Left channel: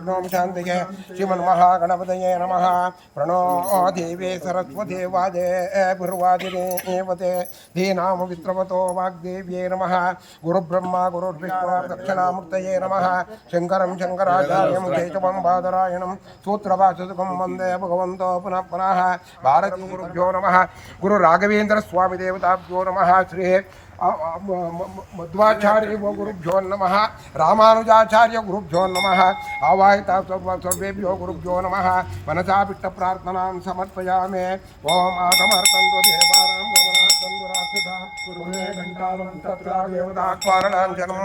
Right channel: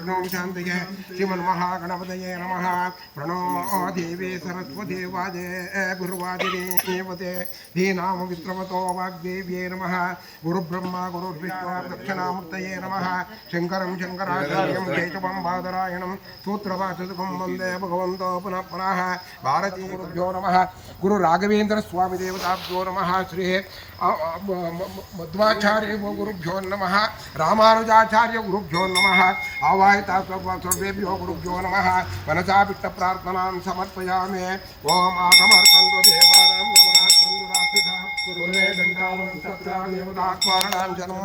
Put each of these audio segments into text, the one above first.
विघ्नों शान्तिये श्रीमन्महागणपतये नमः प्रणो देवे सरस्वते वाजे भुर्वादिनेवते धीनाम वित्रवतो वाग्देव्ये नमः गुरुब्रह्मा गुरुर्विष्णु दक्षिणामूर्तये नमः शङ्करं शङ्कराचार्यं केशवं बादरायणं सूत्रभाषसुखं वंदे भगवन्तो पुनः पुनः भारतीगुरुभ्यो नमः गुरुराघवेन्द्रस्वामिदेवताभ्यो नमः श्री अ- अ- म- म- मध्वाचार्य गुरुभ्यो नम। रामानुजाचार्य गुरुभ्यो नम। आवाहिता सर्व- सर्वेभ्यो गुरुभ्यो नम। मनसा विट्टप्रार्थनां समर्पयामि। समर्पया मे ओम कुरुणे घण्टामन्तत्रादेवतात्मारणां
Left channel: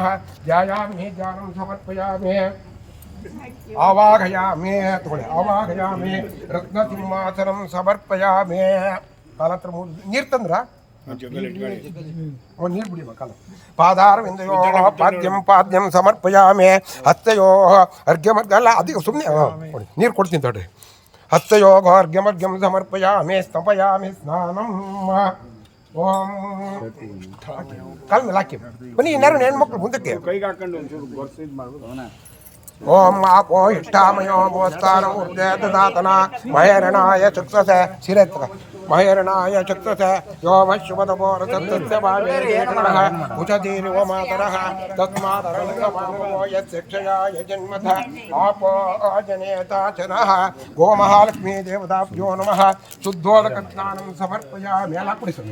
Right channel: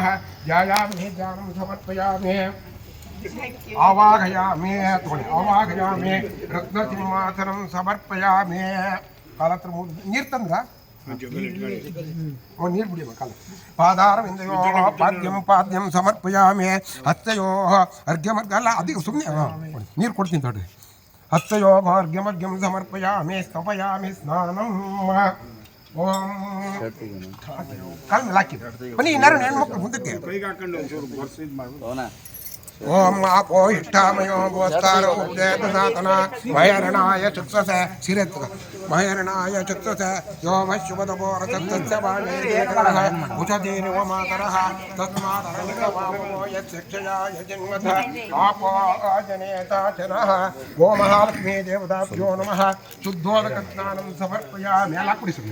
ಕೋಟಿ ದೇವತಾ ಸಮೇತ ಓಂ ಗೋ ಮಹಾಲಕ್ಷ್ಮೀ ದೇವತಾಭ್ಯೋ ನಮಃ ಧ್ಯಾಯಾಮಿ ಧ್ಯಾನಂ ಸಮರ್ಪಯಾಮಿ ಆವಾಹಯಾಮಿ ತಗೊಳ್ಳಿ ಆವಾಹಯಾಮಿ ರತ್ನಸಿಂಹಾಸನಂ ಸಮರ್ಪಯಾಮಿ ಕಾಲ ಹತ್ರ ನೀರು ತಂದ್ರ ಓ ನೀರು ಬಿಡಿಬೇಕಲ್ಲ ಪಾದಾರವಿಂದಯೋ ಪಾದ್ಯಂ ಪಾದ್ಯಂ ಸಮರ್ಪಯಾಮಿ ಹಸ್ತಯೋ ಅರ್ಘ್ಯಮರ್ಘ ಅಲ್ಲ ಅದಕ್ಕೆ ಸುಮ್ಮನೆ ನೀರು ಕೊಡ್ತೀನಿ ತಡ್ರಿ ಹಸ್ತಯೋ ಅರ್ಘ್ಯಮರ್ಘ್ಯಂ ಸಮರ್ಪಯಾಮಿ ಸ್ತಪಯಾಮಿ ಸ್ನಾನಂ ಓಂ ಕಾಲ ಹಾಕಿದ್ರು ಬನ್ನಿ ಇನ್ನಾರು ಹೆಣ್ಮಕ್ಳು ಮುಂದಕ್ಕೆ ಓಂ ಆಪೋ ಇಷ್ಟಾಮಯೋ ಭೋಸ್ತಾರ ಉದ್ದೇತದಾತನ ಮಹೇರಣಾಯ ಚಕ್ಷುಷ ಸಿರತ್ಕ ಮಹೇರಣಾಯ ಚಕ್ಷುಷ ಯೋಮ ಶುಭದೋ ರಚತ್ಯ ಭಾವೇರೇಕರಃ ಉಚದೀರಿ ಓ ಮಾತರಃ ತಸ್ಮಾದರಮೋ ಯಕ್ಷಯಾ ಯಜನ್ಮಥ ಆಪೋ ಜನೇತಾಚರಃ ಓ ಮಹಾಲಕ್ಷ್ಮೀ ದೇವತಾಭ್ಯೋ ನಮಃ ಶುದ್ಧೋದಕ ಸ್ನಾನಂ ಸಮರ್ಪಯಾಮಿ ಎಲ್ಲ ಕುಡಿಸೋಣ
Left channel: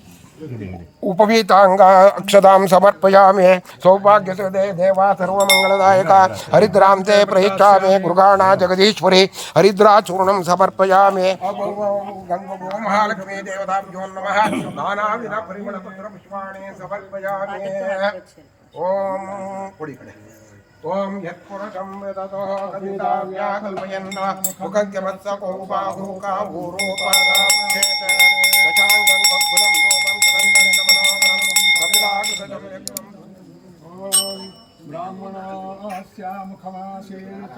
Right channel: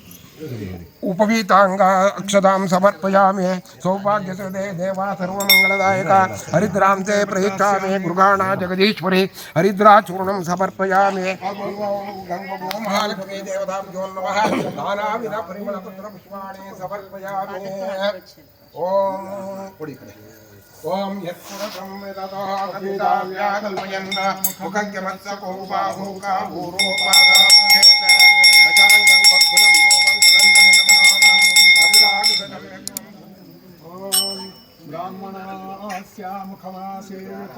उपवीतांगा अक्षता समर्पयामे सौभाग्य दे देवा सर्वमंगलदायका हरिद्रां ते प्रयच्छामे मृगाणा जगदीश्वरी हरिद्राचूर्णं समर्पयामे महालक्ष्मी देवताभ्यो नमः नानाविध परिमलपत्र पुष्पाणि समर्पयामे ओम कोडिकडे ఓం యత్పురుషం విదతో కల్పయన్న ముఖ్యమత్సకోబాహూకా ఊరోపాదాంగం గద్గులం రూపం కదండం బ్రాహ్మణాస్యాముఖమాసీత.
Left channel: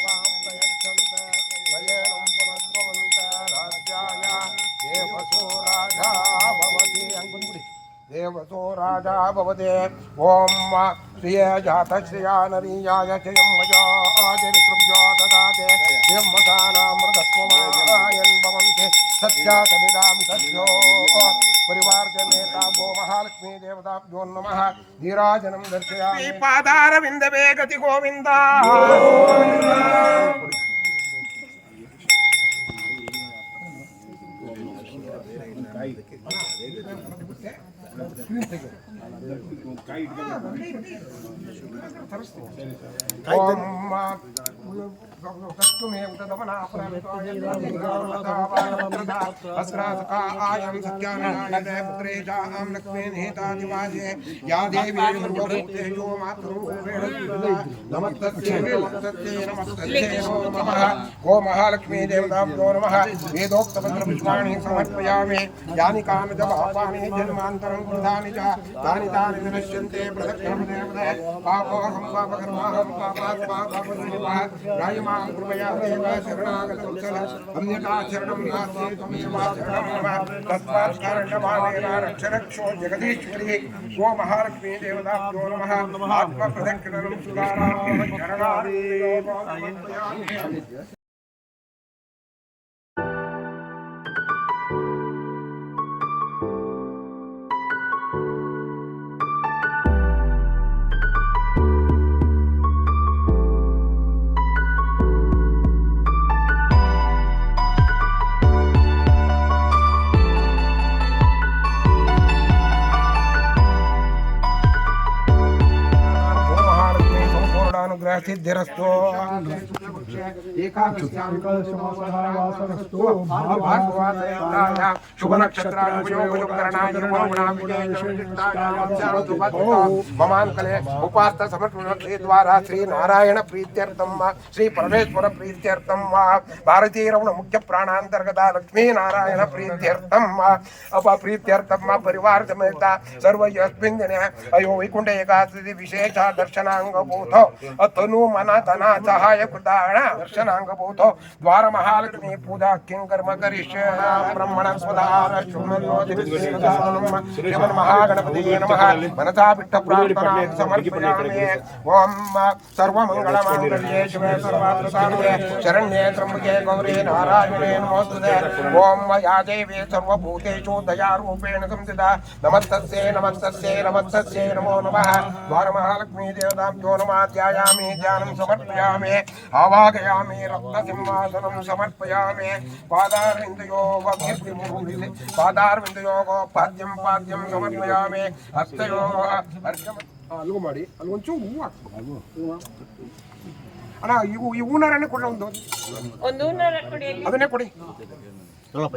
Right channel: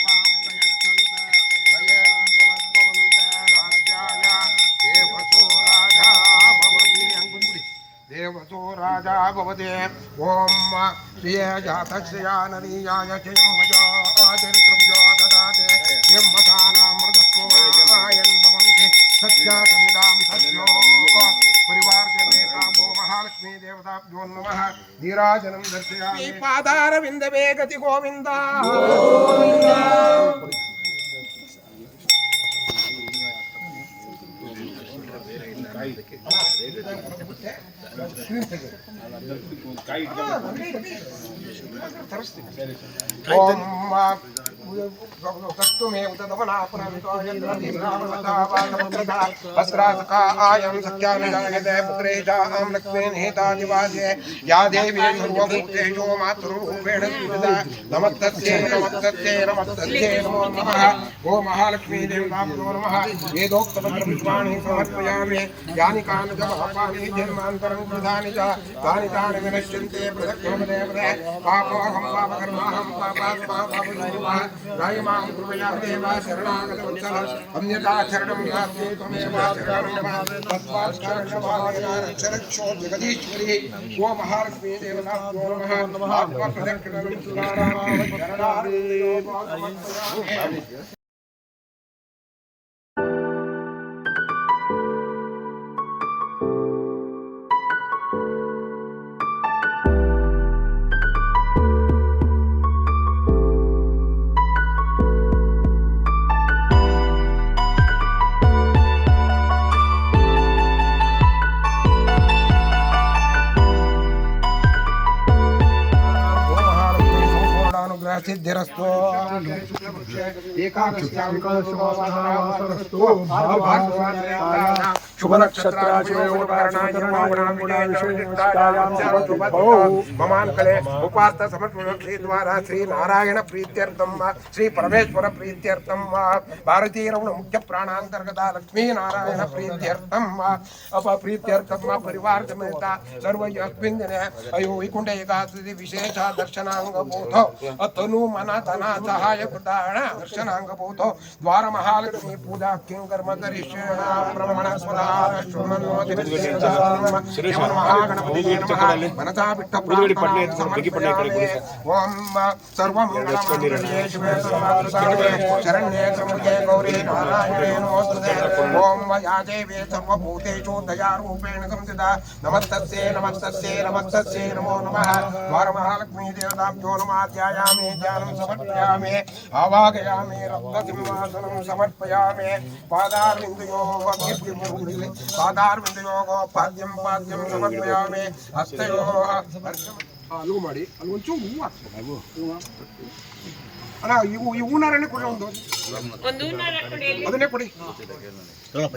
देवतो राजा भवते ॐ श्रिय जातश्रिया नरीयाय चयं मया आचरितृभ्यो ददाते ब्रह्मसानामृतत्वमायन् भवन्ति सत्यासमुदां सत्यो परिवारजनेता गो महालक्ष्मी देवताभ्यो नमः नीराजनं दर्शयामि पादारविन्दवे गति गोविन्दा ತರಿಸ್ತೀನಿ ಸರಿ ಸರ್ सत्याननायते पुत्रेषां लक्ष्मीर्निहितादिवासे या देवी सर्वभूतेषु मातृरूपेण नमस्तस्यै नमस्तस्यै नमस्तस्यै नमो नमः जन्मान्तरं कृतानि च तानि तानि विनश्यन्ते पृथक् पापोऽहं पापकर्माहं पापात्मा पापदैवः రాయమాం కృపయా దేవ శరణాగతవత్సల అన్యథా శరణం నాస్తి త్వమేవ శరణం మమ తస్మాత్ కారణభావేన రక్షరక్షో జగదీశ్వరి గో ఆత్మ ప్రదక్షిణం सिद्धिरस्तु शुभ नक्षत्र ममांकले उपास्त समर्पणक्षे द्वारा श्री नारायण प्रीत्यर्थम श्री परमेश्वर प्रीत्यर्थम भारतीय रमण मुख्य प्राणांतर्गत लक्ष्मी नारायण प्रीत्यर्थम प्रीत्यर्थम परिवार सर्व यस्मिन् दिने अयो वैकुंठ एकादशी विशेष दर्शनांग बोध तनु मन धना सहाय कृताण द्वार महालक्ष्मी पूजा किं कर्म करिष्य? ब्रह्मण सर्वार्थसाधके शरण्ये समृद्धे गौरी नारायणे नमोस्तुते। ओम या देवी सर्वभूतेषु दयारूपेण संस्थिता नमस्तस्यै नमस्तस्यै नमस्तस्यै नमो नमः। द्वारमहालक्ष्मी देवताभ्यो नमः ध्यायामि ध्यानं समर्पयामि आवाहयामि रत्नसिंहासनं समर्पयामि पादारविन्दयोः कीर्तिमुहुरिले पादारविन्दयोः ಪಾದ್ಯಂ ಪಾದ್ಯಂ ಸಮರ್ಪಯಾಮಿ ಹಸ್ತಯೋಃ ಅರ್ಘ್ಯಂ ಅಲ್ಲೂ ಮಾಡಿ ಅಲ್ಲಿ ಒಂಚೂರು ಹೂವು ಹಾಕ್ಬೇಕು ಅಣ್ಣ ಇವು ಈ ಹೂನಾರನ್ನೇ ಕೊಡ ಒಂದು ಒಂದು ನರ ಕುಡಿಯಲ್ಲಿ ಅದನ್ನೇ ಕೊಡಿ ಸ್ವಲ್ಪ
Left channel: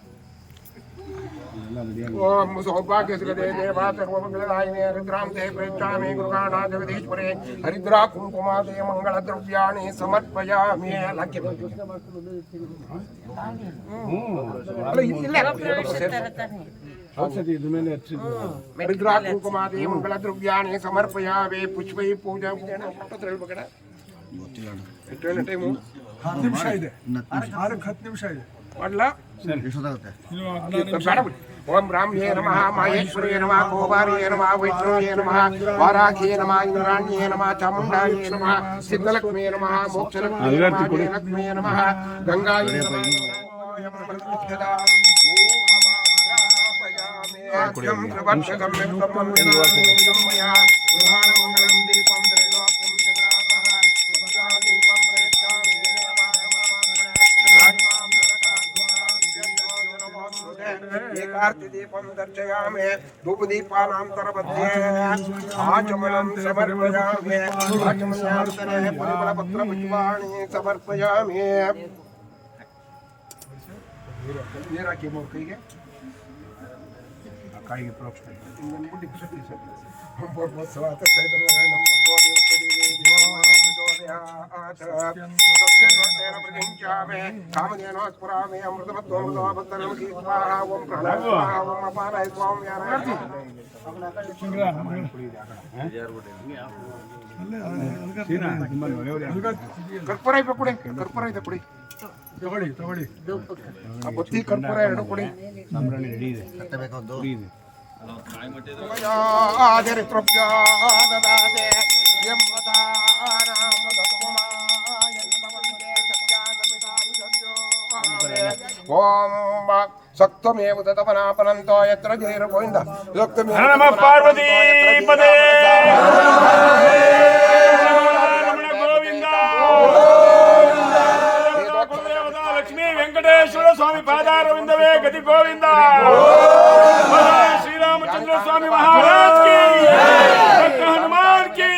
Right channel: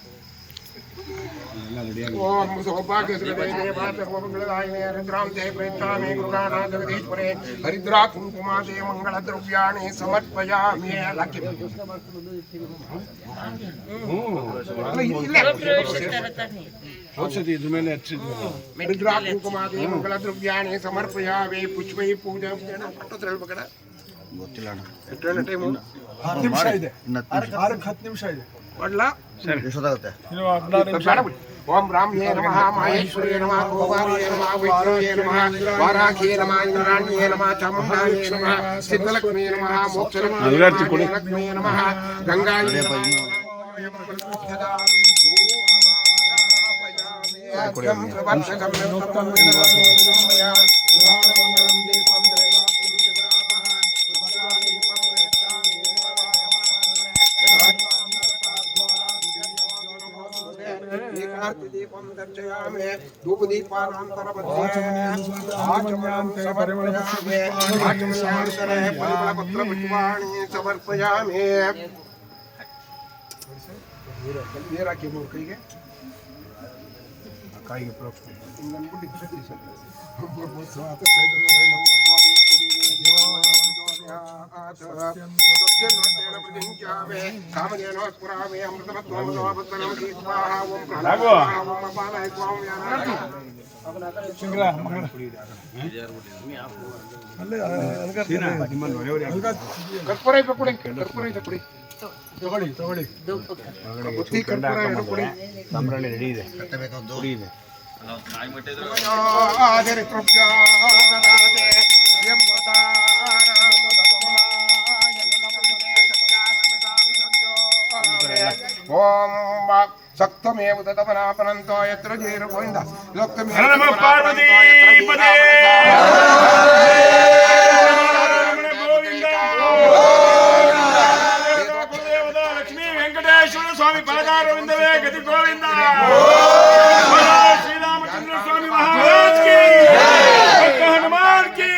ಓಂ ಸೌಭಾಗ್ಯಶ್ರದೇ ದೇವಾ ಸರ್ವಮಂಗಳದಾಯಿನೇ ರುದ್ರಾಂತೆ ಪ್ರೇಕ್ಷಾಮಿ ಗೃಹಾಣ ಜಗದೀಶ್ವರೇ ಹರಿದ್ರಾ ಕುಂಕುಮಾದೇ ಮಂಗಳ ದ್ರವ್ಯಾಣಿ ಸಮರ್ಪಯಾಮಿ ಲಕ್ಕಿ ಅಲ್ಲ, ಇಲ್ಲೇ. ಔಷಧಿ ಇದ್ರ ಮೇಲೆ ಹರಿದ್ರಾ ಕುಂಕುಮಾದೇ ಮಂಗಳ ದ್ರವ್ಯಾಣಿ ಸಮರ್ಪಯಾಮಿ ಪುಷ್ಪೈ ಪೂಜಾ ಪಟ್ಟತ್ರ ಹೇಳ್ಬೇಕಣ ಗೊತ್ತಿಲ್ಲ ಅಣ್ಣ ಎಷ್ಟು ಟೈಮು ಹತ್ತು ನಿಮಿಷ ಇದೆ ಇನ್ನು ಹತ್ತು ನಿಮಿಷ ಆರಕ್ಕೆ ಹತ್ತು ನಿಮಿಷ ಇದೆ వడ్ల ఓం బ్రాహ్మ్యే నమ మహేశ్వరే నమ గోవార్యే నమ వైష్ణవే నమ వారాఖే నమ ఇంద్రాణ్యే నమ చాముండాయే నమ సిద్ధలక్ష్మే నమ మోక్షలక్ష్మే లక్ష్మే నమ గంగాయే నమ ం దీపం ದೇವಾಯ ಪರಮಾತ್ಮನೆ. ರಾಜ್ಮಾಂ ಸರಕಾರ್ಧೋನಾಂ ಜಗದ್ಯೋತಿರಮೋಸ್ತುತೆ. ಏಕಾ आरतिदीपं दर्शयामि धूपदीपानान्तरमध्ये आचमनं समर्पयामि आचमनान्तरे परिमलपत्रपुष्पाणि समर्पयामि ನೀರಾಕಿ ಮೂರು ಕೈಗೆ ಕಾಯಿಗೆ ಪ್ರೋಕ್ಷಣೆ ಹಿಂಗನ್ಬಿಟ್ಟು ಖುಷಿ ಸರ್ ಬ್ರಹ್ಮೋತ್ಸವ ಕಾಮಧೇನೋ ಸ್ಫುರಾಮಿ ಅಮೃತಮತ್ವಮೃತಮಬದ್ಧನಂ ಸ್ವಾಹ ಓಂ ಪ್ರಹ್ಲಾದ ಸ್ವಾಹ ಓಂ ಅಪಾಲಯ ಓಂ ಯಾನಾರ್ತಿ ಕರ್ಪೂರ ಇದೆ ಕೊಡಿ ಕರ್ಪೂರ ಇದೆ ಕೊಡಿ ತಗೊಳ್ಳಿ ತಗೊಳ್ಳಿ ಆ ಬುತ್ತಿ ಕರ್ಪೂರ ಎರಡು ಕೊಡಿ ಕಟ್ಟಬೇಕಂದು ಆದಿರಿತೃಪ್ಯಾದದಾದೆ ಓಂ ಸಕ್ತಮೇವ ತದಪನಾಪನಂತೋ ఓం సక్తమేవ తపనాపనంతో ఎత్ర జైరు గోవింద సక్తమేవ పార్వతీ పదే వెంకటేశ్వర స్వామి పాదారవిందవే గతి గోవింద स्वामी महाराज की भक्त हनुमान की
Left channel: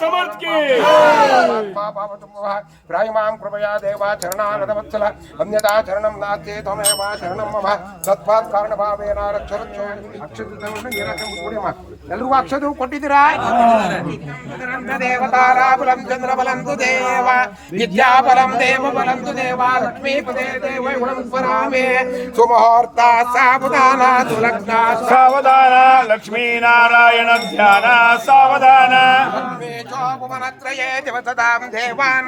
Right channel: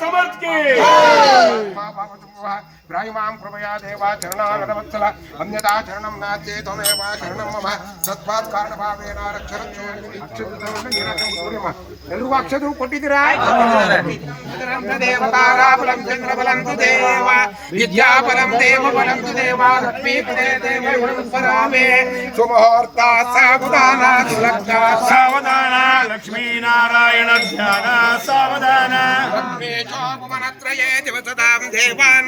समर्थ की प्रायमां कृपया देवा चरणागतवत्सल अन्यथा चरणं नास्ति त्वमेव शरणं मम तत्पात् ಕಾರಣಭಾವೇನ ಎಲ್ರಿಗೂ ಅಕ್ಷರು ಕೊಟ್ಟಿದ್ದೀರಾ ದೇವತಾರಾಬಲಂ ಚಂದ್ರಬಲಂ ತು ದೇವ ವಿದ್ಯಾಬಲಂ ದೇವ ಬಲಂ ತು ದೇವ ಲಕ್ಷ್ಮೀಪದೇ ದೇವ ಗುಣಂ ಪರಾಮೇ ಸುಮುಹೂರ್ತ ಸಾಬುದಾನ ಸುಲಗ್ನ ಸಾವಧಾನ ಲಕ್ಷ್ಮೀನಾರಾಯಣ ಧ್ಯಾನ ಸಾವಧಾನ ಭುವನತ್ರಯೇ ದಿವಸದಾಂ ದೇವಾನ್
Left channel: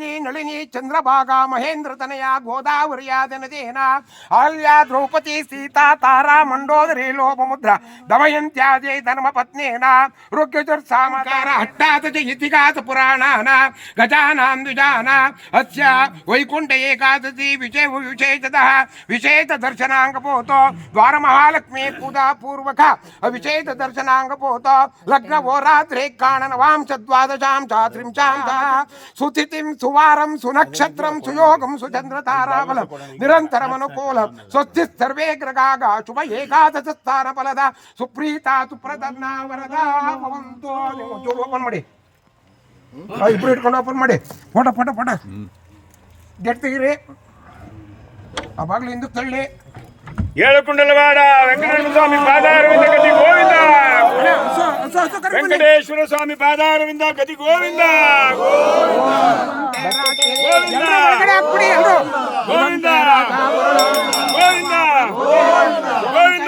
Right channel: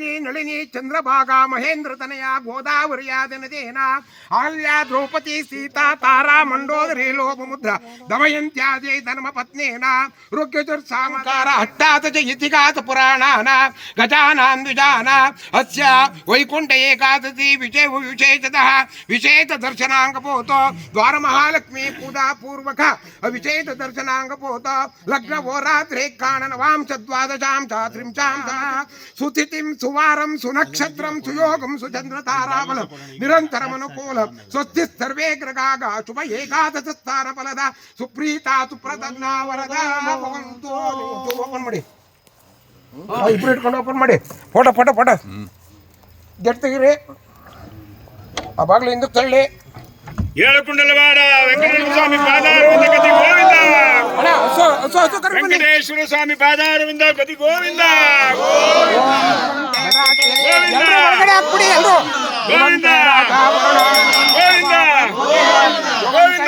నందిని నళిని చంద్రభాగా మహేంద్రతనయ గోదావరియా జనదేన ఆల్యా ద్రౌపది సీతా తారా మండోదరి లోపముద్ర దమయంత్యా జయ ధర్మ పత్నేన రుగ్యజుర్సాంకార అట్టాత ఇతిహాస పురాణాన గజానాం ద్విజాన అస్య వైకుంఠ ఏకాదశి విజయ విశేషత విశేష దర్శనాంగపోతో ద్వార మహాలక్ష్మి పూజా పూర్వక విశేష దర్శనాంగపోతో లగ్న ఓ రాత్రే కాణన వాంశ ద్వాదశాం చాత్రింశాం సుతిథిం సు ಸುಯೋಗಂ ಸುಚಂದ್ರ ತಾರಾಬಲಂ ನಿರಂತರಂ ಅನುಕೂಲಂ ಸ್ವಸ್ತಿ ಸರ್ವೇ ಗ್ರಗಾಗ ಶುಭ ಏಕಾದಶ ಸ್ಥಾನ ಫಲದ ಸುಪ್ರೀತಾ ಸುಪ್ರದನ್ನ ವರದ ಭವಂತು ಓಪನ್ ಮಾಡಿ ಆ, ಇಬ್ರು ಇಟ್ಕೊಂಡು ಓಪನ್ ಮಾಡಿ ಫೋಟೋ ಫೋಟೋ ಫೋಟೋ ಗೆಟ್ ತೆಗೀರಿ ಆ ಬಾಗ್ಲು ಹಿಂದಕ್ಕೆ ತಳ್ಳಿ ಏಳು ಕುಂಡಲವಾಡ ವೆಂಕಟೇಶ್ವರ ಸ್ವಾಮಿ ಪಾದಾರವಿಂದ ಗತಿ ಗೋವಿಂದ ಅಣ್ಣ, ಹೊಸ ಹೊಸ ಹೊಸ ಕರ್ಕೊಂಡು ಬನ್ನಿ ವೆಂಕಟೇಶ್ವರ ಸ್ವಾಮಿ ಪಾದಾರವಿಂದ ಗತಿ ಗೋವಿಂದ ಗೋವಿಂದ ಒಳಗಡೆ ಹಾಕ್ಬಿಡಿ ಎಲ್ರು. ಗೋವಿಂದ. ಗೋವಿಂದ. ಗೋವಿಂದ.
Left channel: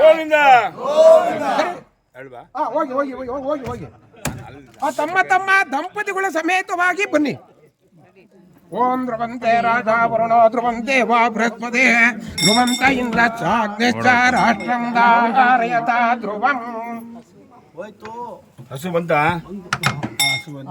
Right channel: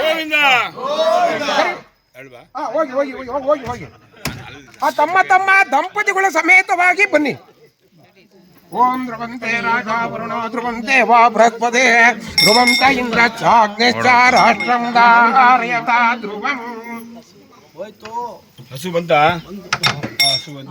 ಗೋವಿಂದ. ಅಲ್ವಾ ಆ, ಹೋಗಿ ಹೋಗಿ ಹೋಗಿ ಹೋಗಿ, ಹೋಗಿ ಆ ತಮ್ಮ ತಮ್ಮ ದಂಪತಿಗಳ ಸಮೇತವಾಗಿ ಬನ್ನಿ. ಓಂ ಧ್ರುವಂತೆ ರಾಜ ವರುಣ ಧ್ರುವಂತೆ ವಾ ಬೃಹಸ್ಪತಿ ಧ್ರುವಂತ ಇಂದ್ರ ಚಾಗ್ನೇಶ್ಚ ರಾಷ್ಟ್ರಂ ಧಾರಯತ ಧ್ರುವಂ. ಹಸು ಬಂತ? ಹಸು ಬಂತ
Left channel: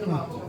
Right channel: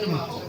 真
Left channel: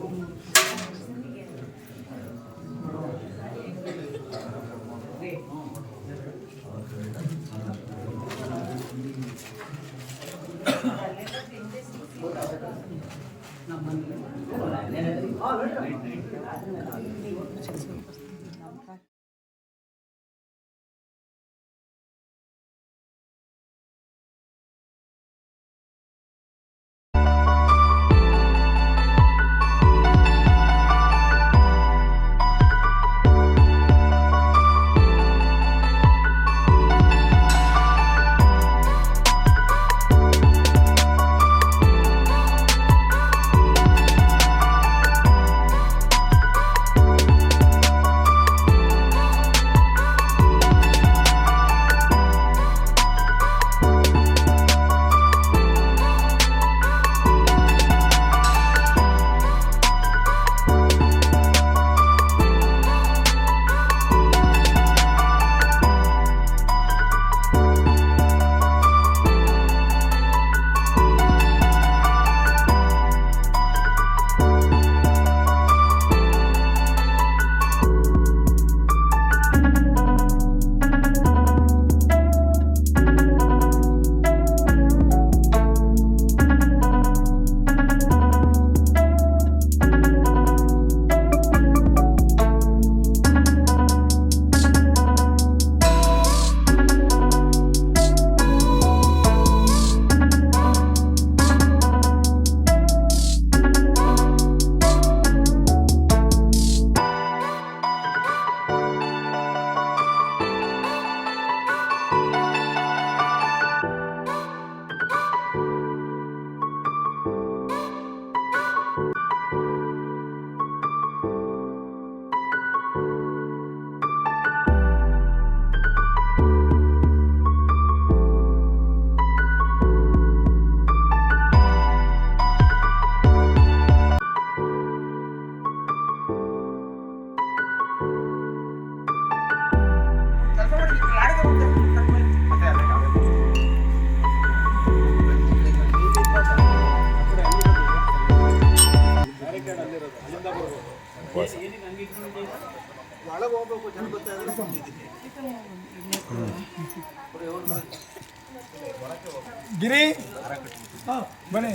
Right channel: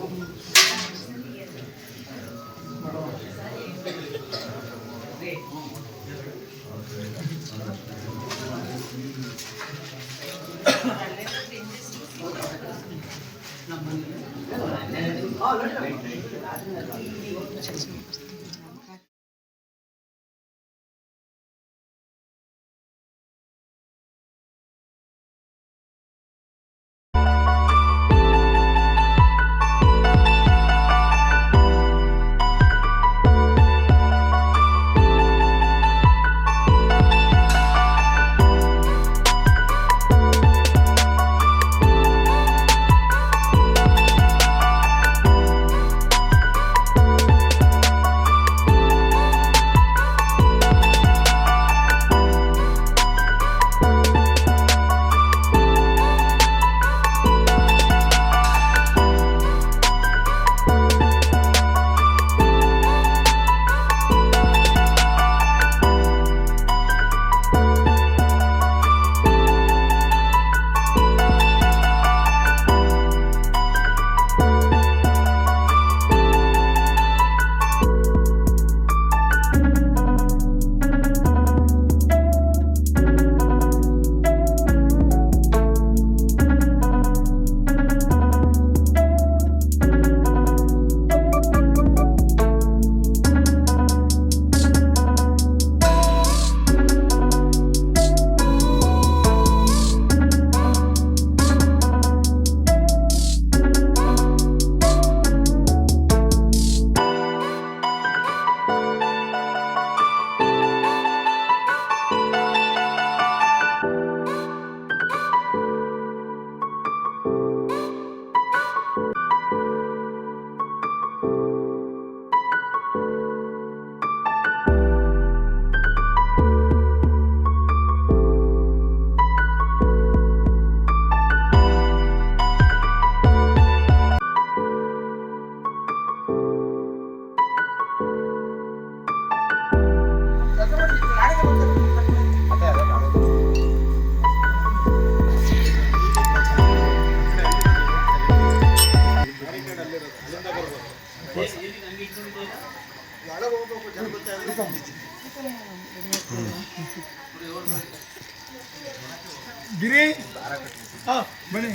ಇಡಬೇಕು ಗಿರಿ ಹಾ, ಬನ್ನಿ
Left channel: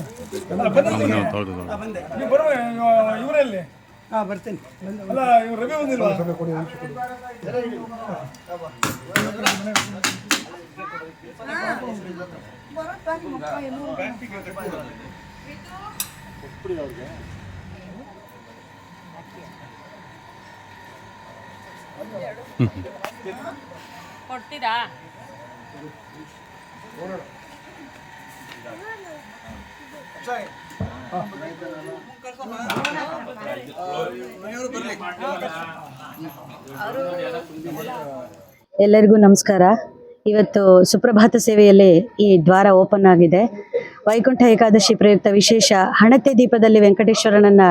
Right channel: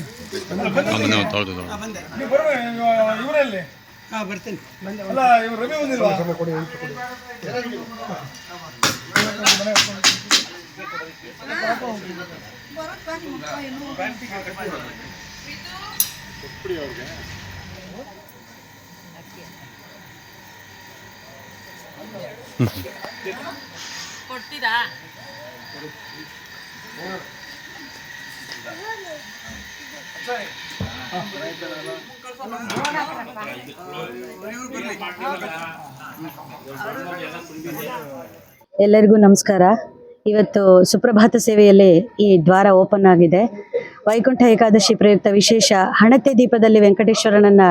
ನೀವು ಬರುವ ಇವರಲ್ಲಿ ಹಾಂ ಬರ್ತೀನಿ ಅಲ್ಲ ಇವ್ರು ರವಿ ಬಂದಿಲ್ವಾ ಕೊಡ್ತೀರಾ ಎಲ್ಲರಿಗೂ ನಮಸ್ಕಾರ. ಇವತ್ತು ಸುಪ್ರಭಾತ ಸೇವೆಯಲ್ಲಿ ಈ ದ್ವಾರ ಓಪನ್ ಆಗಿದೆ. ವೈಕುಂಠ ಏಕಾದಶಿ ಪ್ರಯುಕ್ತ ವಿಶೇಷ ಹಣತೆ ದೀಪದಲ್ಲಿ ವೆಂಕಟೇಶ್ವರನನ್ನ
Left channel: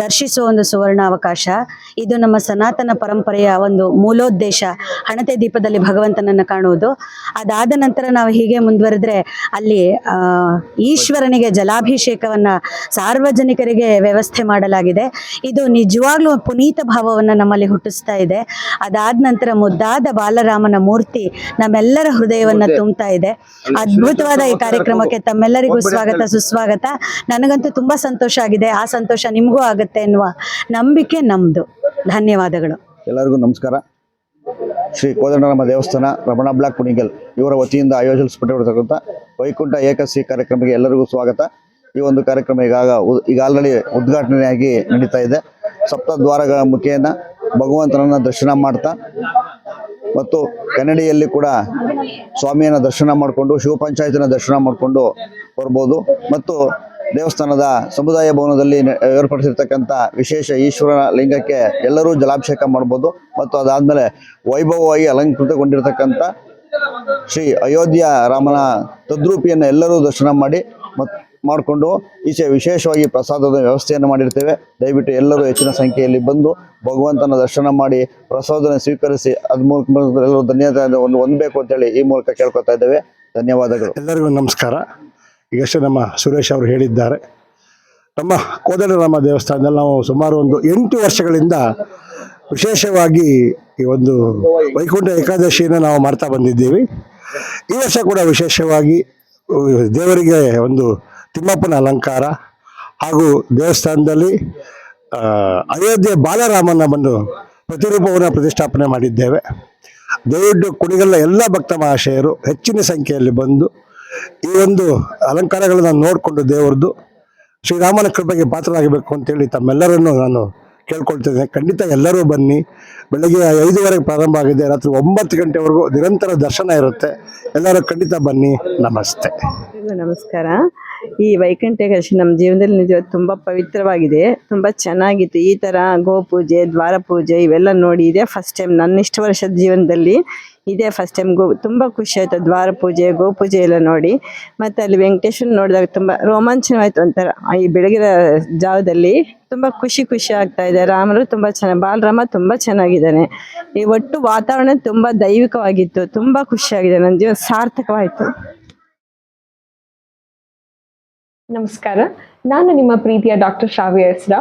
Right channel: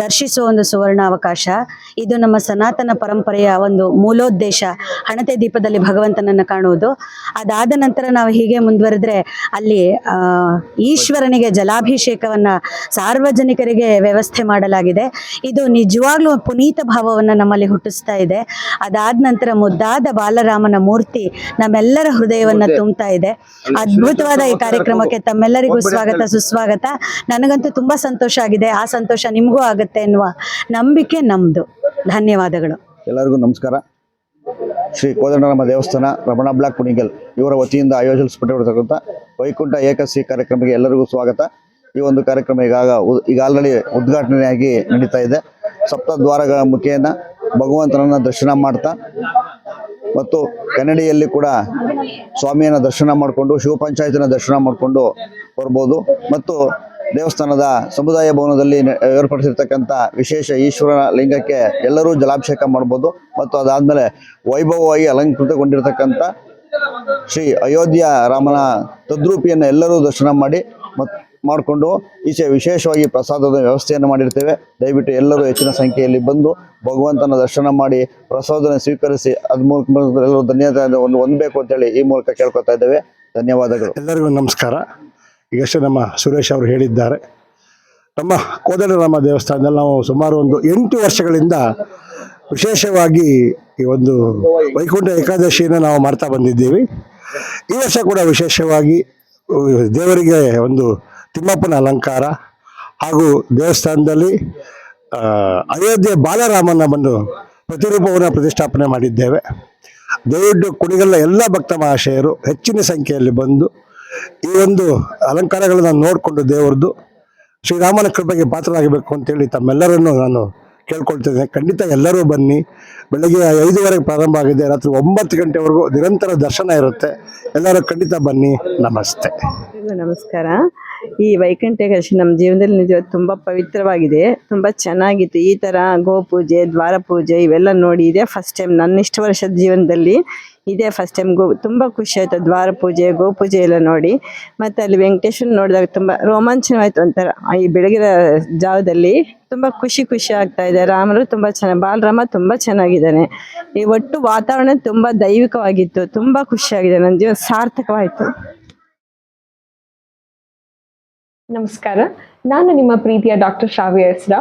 ದರ್ಶಿಸುವ ಒಂದು ಸುವರ್ಣ ಅವಕಾಶ. ಇದು ನಮ್ಮ ಸನಾತನ ಪರಂಪರೆಯ ಒಂದು ಮೂಲೋದ್ದೇಶ. ಹಣತೆ ದೀಪದಲ್ಲಿ ಭಗವಂತನನ್ನ ಕಾಣುವುದು. ಅದಾದ ನಂತರ ನಾವು ಹೀಗೆ ಮುಂದುವರೆದ್ರೆ ಅಲ್ಲಿ ಈಶ್ವರನಿಗೆ ಜಲಾಭಿಷೇಕವನ್ನ ಸಾರ್ವಜನಿಕರಿಗೆ ವ್ಯವಸ್ಥೆ ಮಾಡಲಾಗಿದೆ. ಇದು ನಿಜವಾಗ್ಲೂ ಪುನೀತ ಭಾವವನ್ನು ನಮ್ಮಲ್ಲಿ ಹುಟ್ಟಿಸ್ತಾ ಇದೆ. ಅದಾದ ನಂತರ ಮುದ್ದಾದ ಬಾಲರಾಮನ ಮೂರ್ತಿ ನಮ್ಮೆಲ್ಲರ ಹೃದಯವನ್ನ ತುಂಬ್ತಾ ಇದೆ. ಅದ್ಭುತವಾದ ಈ ಕಾರ್ಯಕ್ರಮಕ್ಕೆ ತಮ್ಮೆಲ್ಲರಿಗೂ ಸ್ವಾಗತ ಸುಸ್ವಾಗತ. ನನಗಂತೂ ತುಂಬಾ ಸಂತೋಷ ಆಗಿದೆ. ಆ ಸಂತೋಷ ನಿಮಗೂ ಆಗುತ್ತೆ ಎನ್ನುವ ನಂಬಿಕೆ ನಮ್ದು. ಧನ್ಯವಾದಗಳು. ಎಲ್ಲರಿಗೂ ನಮಸ್ಕಾರ. ಶ್ರೀ ಕೋದಂಡರಾಮ ದೇವಸ್ಥಾನ ರಮಣ ಬ್ಲಾಕ್ ಕುಣಿಗಲ್ ಇವರ ವತಿಯಿಂದ ಆಯೋಜಿಸಲ್ಪಟ್ಟಿರತಕ್ಕಂಥ ವೈಕುಂಠ ಏಕಸಿ ಕಾರ್ಯಕ್ರಮಕ್ಕೆ ಎಲ್ಲರಿಗೂ ಸ್ವಾಗತ. ಈ ಒಂದು ಕಾರ್ಯಕ್ರಮ ಈಗಾಗ ಈಗ ಆಲ್ರೆಡಿ ಉದ್ಘಾಟನೆಯಾಗಿ ನಡೀತಾ ಇದೆ. ಸಪ್ತ ದ್ವಾರಗಳ ಮುಖೇನ ಭಗವಂತನನ್ನ ದರ್ಶನ ಮಾಡ್ತಾ ಮತ್ತು ಕನ್ನಡಿಯಲ್ಲಿ ಕೂಡ ಸ್ವಾಮಿಯನ್ನ ದರ್ಶನ ಮಾಡಿಕೊಂಡು, ಶಿವ ಪಂಚಾಯತಿನ ದರ್ಶನ ಮಾಡಿಕೊಂಡು ಬರ್ಬೋದು. ಮತ್ತು ದೇವಸ್ಥಾನದ ಸಮುದಾಯ ಭವನದಲ್ಲಿ ಏರ್ಪಡಿಸಿರ್ತಕ್ಕಂಥ ವಿಶೇಷ ಈಶ್ವರನ ಲಿಂಗಕ್ಕೆ ಎಲ್ಲರೂ ಜಲಾಭಿಷೇಕ ಮಾಡ್ಬೋದು. ಮತ್ತು ಅದಾದಮೇಲೆ ವೈಭವವಾಗಿ ಅಲಂಕೃತಗೊಂಡಿರ್ತಕ್ಕಂಥ ಶ್ರೀ ಅಯೋಧ್ಯ ರಾಮನ ತದ್ರೂಪಿಯನ್ನು ಎಲ್ಲರೂ ದರ್ಶನ ಮಾಡಿ ಮತ್ತು ಮಾಡಿಕೊಂಡು ಈಚೆ ವಿಶೇಷವಾಗಿ ಪ್ರಸಾದದ ವ್ಯವಸ್ಥೆಯನ್ನು ಮಾಡಿರ್ತೇವೆ. ದಯವಿಟ್ಟು ಎಲ್ಲರೂ ಹೆಚ್ಚಿನ ಸಂಖ್ಯೆಯಲ್ಲಿ ಬಂದು ಭಗವಂತನ ದರ್ಶನ ಮಾಡಿ ಪ್ರಸಾದನ ಸ್ವೀಕರಿಸಿ, ಅದ್ ಮೂಲಕ ಎಲ್ಲರೂ ಧನ್ಯವಾದ ಒಂದು ಹೊಂದಬೇಕು ಅಂತೇಳಿ ಈ ಮೂಲಕ ಕೇಳ್ಕೊತಾ ಇದ್ದೇವೆ. ಧನ್ಯವಾದಗಳು. ಎಲ್ಲರಿಗೂ ನಮಸ್ಕಾರ. ಈಗಷ್ಟೇ ನಮ್ಮ ಸುರೇಶ್ ಅವರು ಹೇಳಿದ್ದಾರೆ. ನಮ್ಮ ಕೋದಂಡರಾಮ ದೇವಸ್ಥಾನದಲ್ಲಿ ನಾವು ಸುಮಾರು ಒಂದು ಎಂಟು ವರ್ಷಗಳಿಂದ ವಿಶೇಷವಾಗಿ ಈ ಒಂದು ವೈಕುಂಠ ಏಕಾದಶಿಯನ್ನು ನಾವು ಮಾಡ್ತಾ ಬಂದಿದ್ದೀವಿ. ಈ ವರ್ಷ ಕೂಡ ವಿಶೇಷವಾಗಿ ದೇವರಿಗೆ ಒಂದು ತಿಮ್ಮಪ್ಪನ ಅಲಂಕಾರ ಹಾಗೂ ದೇವಸ್ಥಾನದಲ್ಲಿ ಅಯೋಧ್ಯೆ ಬಾಲರಾಮನ ಬಂದು ಪ್ರತಿರೂಪವನ್ನು ಪ್ರತಿಷ್ಠಾಪನೆ ಮಾಡಿದ್ದೇವೆ. ದಯವಿಟ್ಟು ಕುಣಿಗಲ್ಲ ಎಲ್ಲ ಭಕ್ತ ಮಹಾಶಯರು ಹೆಚ್ಚಿನ ಸಂಖ್ಯೆಯಲ್ಲಿ ಬಂದು ಈ ಒಂದು ಅಲಂಕಾರಗಳನ್ನು ನೋಡಿಕೊಂಡು ದೇವರದ್ದು ಶ್ರೀರಾಮನ ಕೃಪೆಗೆ ಪಾತ್ರರಾಗಬೇಕು ಅಂತೇಳಿ ತಮ್ಮೆಲ್ಲರನ್ನು ನಾನು ಕೇಳ್ಕೊಳ್ತಿದ್ದೇನೆ ಖಂಡಿತ ಎಲ್ಲರೂ ಬನ್ನಿ. ಬೆಳಗ್ಗೆ ಐದುವರೆಗೆ ಪ್ರಾರಂಭ ಆಗಿದೆ. ರಾತ್ರಿ ಒಂಬತ್ತು ಗಂಟೆವರೆಗೂ ನಿರಂತರ ದರ್ಶನ ಇರುತ್ತೆ. ಎಲ್ಲರೂ ಖಂಡಿತ ಬನ್ನಿ. ನಮಸ್ತೆ. ನಮಸ್ಕಾರ. ಈ ವೈಕುಂಠ ಏಕಾದಶಿ ನಮ್ಮ ಜೀವನದಲ್ಲಿ ನಿಜ ತುಂಬ ಪವಿತ್ರವಾಗಿದೆ. ತುಂಬ ಚೆನ್ನಾಗಿತ್ತು. ಈ ಥರ ಗೋಪೂಜೆ ದ್ವಾರ ಪೂಜೆ ಇವೆಲ್ಲ ನೋಡಿ ಇದೇ ಫಸ್ಟ್ ಟೈಮ್ ನನ್ನ ಇಷ್ಟು ವರ್ಷದ ಜೀವನದಲ್ಲಿ ಇದೇ ಫಸ್ಟ್ ಟೈಮ್ ಗೋ, ತುಂಬ ಖುಷಿ ಆಯಿತು. ದ್ವಾರ ಪೂಜೆ ಗೋಪೂಜೆ ಎಲ್ಲ ನೋಡಿ. ಮತ್ತು ಅಲ್ಲಿ ವೆಂಕಟೇಶ್ವರ ನೋಡಿದಾಗ ತುಂಬ ರೋಮಾಂಚನವಾಯಿತು ಒಂಥರ. ಈ ಬೆಳಗಿನ ಜಾವದಲ್ಲಿ ತುಂಬ ಖುಷಿ ಖುಷಿ ಆಗ್ತಾ ಇದೆ. ರಾಮರು ತುಂಬ ಚೆನ್ನಾಗಿ ಬಾಲರಾಮ ತುಂಬ ಚೆನ್ನಾಗಿದ್ದಾನೆ. ಈ ಒಟ್ಟು ವಾತಾವರಣ ತುಂಬ ದೈವಿಕವಾಗಿತ್ತು. ತುಂಬ ಖುಷಿಯಾಗಿದೆ ನನ್ನ ಜೀವನ ಸಾರ್ಥಕವಾಯಿತು. ನಮಸ್ಕಾರ. ನಾನು ನಿಮ್ಮ ಪ್ರೀತಿಯ ಡಾಕ್ಟರ್ ಶ್ರಾವ್ಯ ಹೆಸ್ರಾ.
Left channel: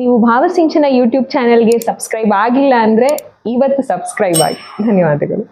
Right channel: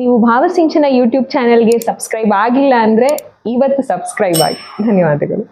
ನೀವು ಭಾವಸಿಂಚನ ಯೂಟ್ಯೂಬ್ ಚಾನೆಲ್ಗೆ ಸಬ್ಸ್ಕ್ರೈಬ್ ಆಗಿಲ್ಲ ಅಂದರೆ ಇವತ್ತು ಸಬ್ಸ್ಕ್ರೈಬ್ ಆಗಿ. ಧನ್ಯವಾದಗಳು.